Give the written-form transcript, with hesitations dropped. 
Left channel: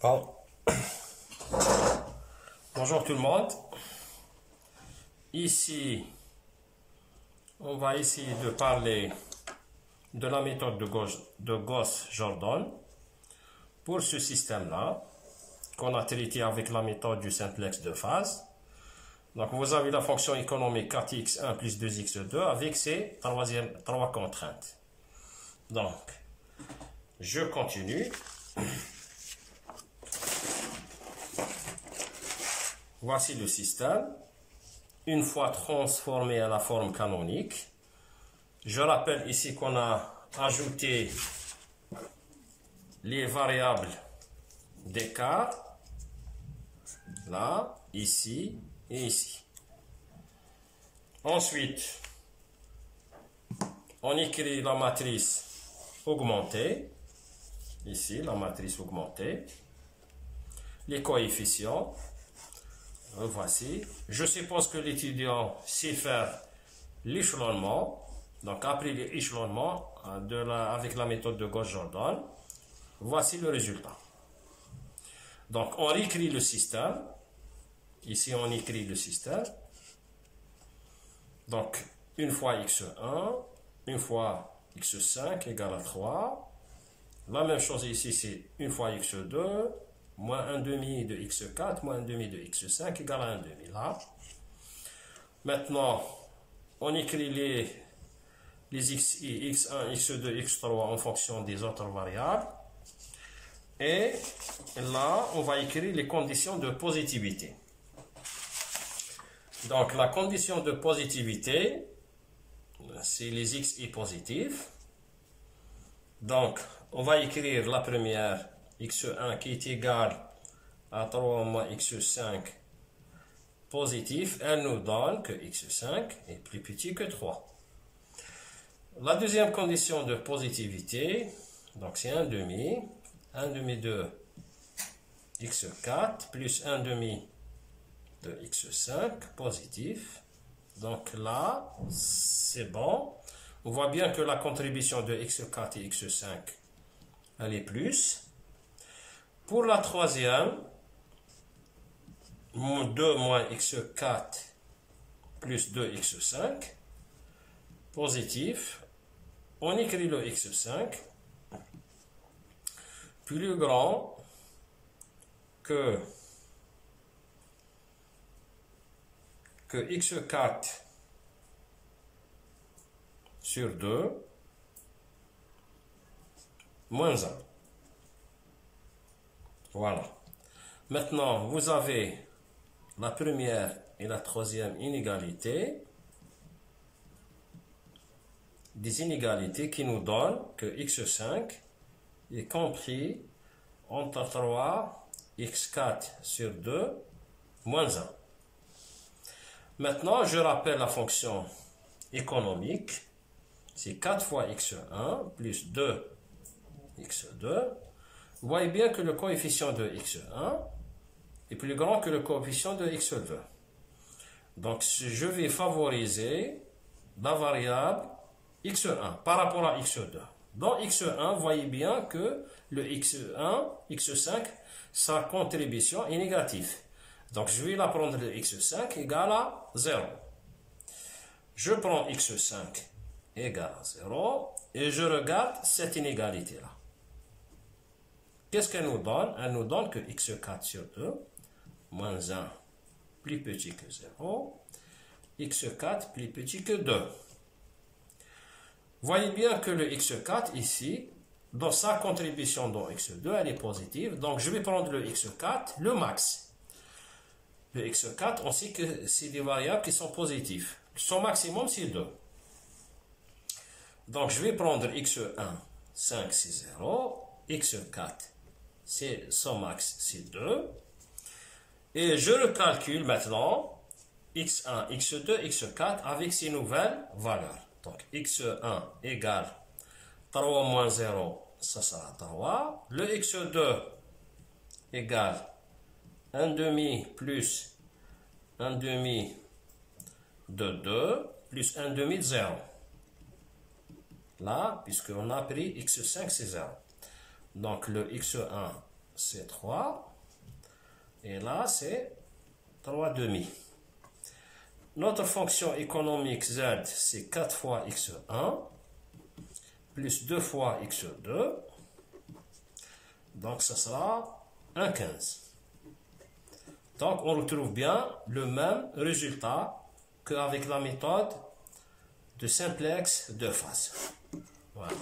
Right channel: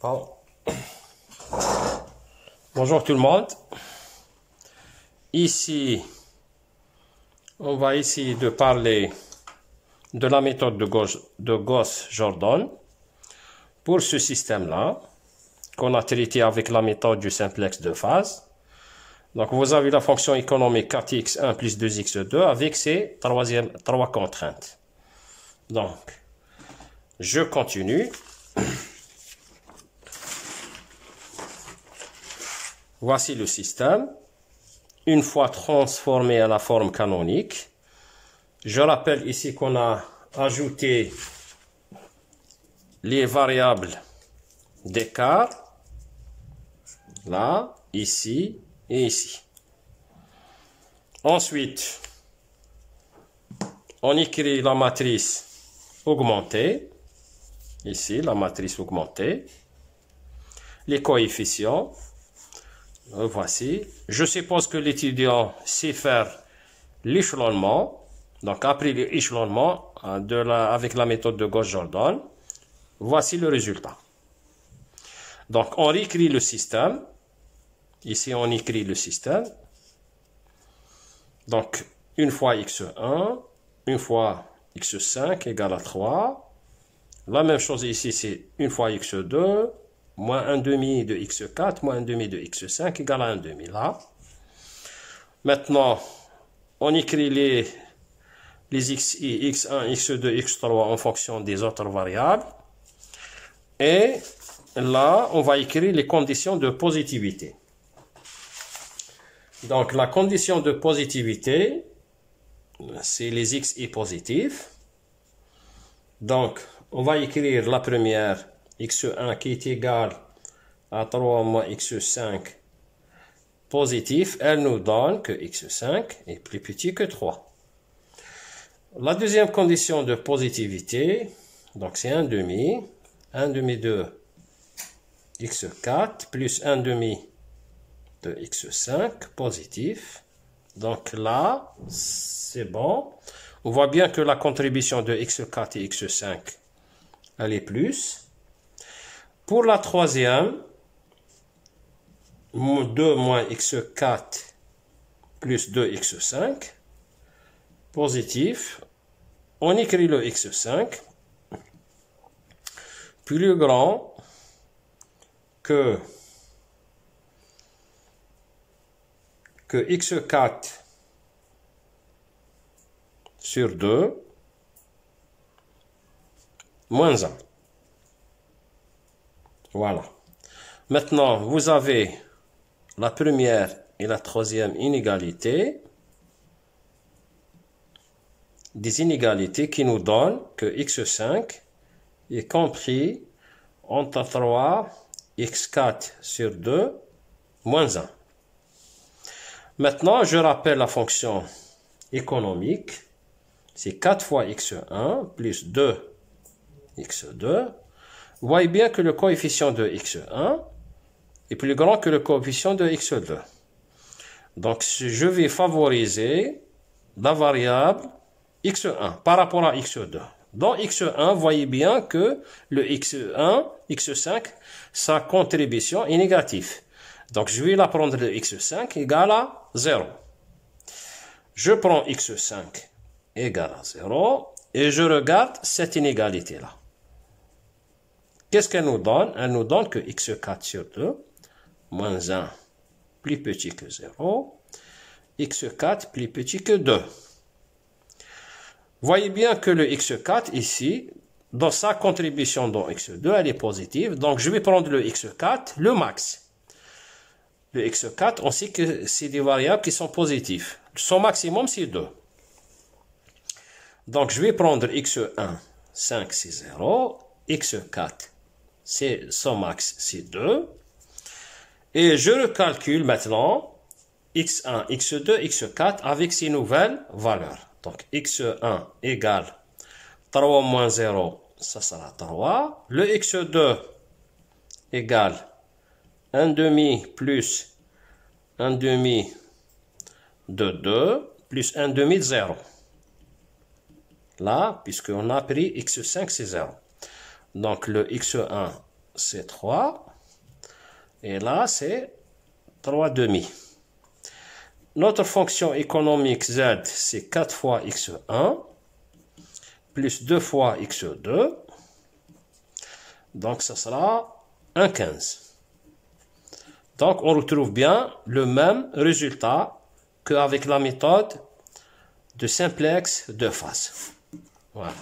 Bon. Bonjour tout le monde. Ici, on va essayer de parler de la méthode de Gauss-Jordan pour ce système-là, qu'on a traité avec la méthode du simplex de phase. Donc, vous avez la fonction économique 4x1 plus 2x2 avec ces trois contraintes. Donc, je continue. Voici le système. Une fois transformé à la forme canonique, je rappelle ici qu'on a ajouté les variables d'écart, là, ici et ici. Ensuite, on écrit la matrice augmentée, ici, la matrice augmentée, les coefficients. Voici. Je suppose que l'étudiant sait faire l'échelonnement. Donc, après l'échelonnement avec la méthode de Gauss-Jordan, voici le résultat. Donc, on réécrit le système. Ici, on écrit le système. Donc, une fois x1, une fois x5 égale à 3. La même chose ici, c'est une fois x2. Moins 1 demi de x4, moins 1 demi de x5 égale à 1 demi. Là. Maintenant, on écrit les xi, x1, x2, x3 en fonction des autres variables. Et là, on va écrire les conditions de positivité. Donc, la condition de positivité, c'est les xi positifs. Donc, on va écrire la première x1 qui est égal à 3 moins x5 positif, elle nous donne que x5 est plus petit que 3. La deuxième condition de positivité, donc c'est 1 demi de x4 plus 1 demi de x5 positif. Donc là, c'est bon. On voit bien que la contribution de x4 et x5, elle est plus. Pour la troisième, 2 moins x4 plus 2x5, positif, on écrit le x5 plus grand que x4 sur 2 moins 1. Voilà. Maintenant, vous avez la première et la troisième inégalité. Des inégalités qui nous donnent que x5 est compris entre 3, x4 sur 2, moins 1. Maintenant, je rappelle la fonction économique. C'est 4 fois x1 plus 2 x2. Vous voyez bien que le coefficient de x1 est plus grand que le coefficient de x2. Donc, je vais favoriser la variable x1 par rapport à x2. Dans x1, vous voyez bien que le x1, x5, sa contribution est négative. Donc, je vais la prendre de x5 égale à 0. Je prends x5 égale à 0 et je regarde cette inégalité-là. Qu'est-ce qu'elle nous donne? Elle nous donne que x4 sur 2, moins 1, plus petit que 0, x4 plus petit que 2. Voyez bien que le x4 ici, dans sa contribution dans x2, elle est positive. Donc, je vais prendre le x4, le max. Le x4, on sait que c'est des variables qui sont positives. Son maximum, c'est 2. Donc, je vais prendre x1, 5, c'est 0. x4, c'est son max, c'est 2. Et je recalcule maintenant x1, x2, x4 avec ces nouvelles valeurs. Donc, x1 égale 3 moins 0, ça sera 3. Le x2 égale 1 demi plus 1 demi de 2 plus 1 demi de 0. Là, puisqu'on a pris x5, c'est 0. Donc, le x1, c'est 3. Et là, c'est 3 demi. Notre fonction économique Z, c'est 4 fois x1 plus 2 fois x2. Donc, ça sera 1,15. Donc, on retrouve bien le même résultat qu'avec la méthode de simplex de phase. Voilà.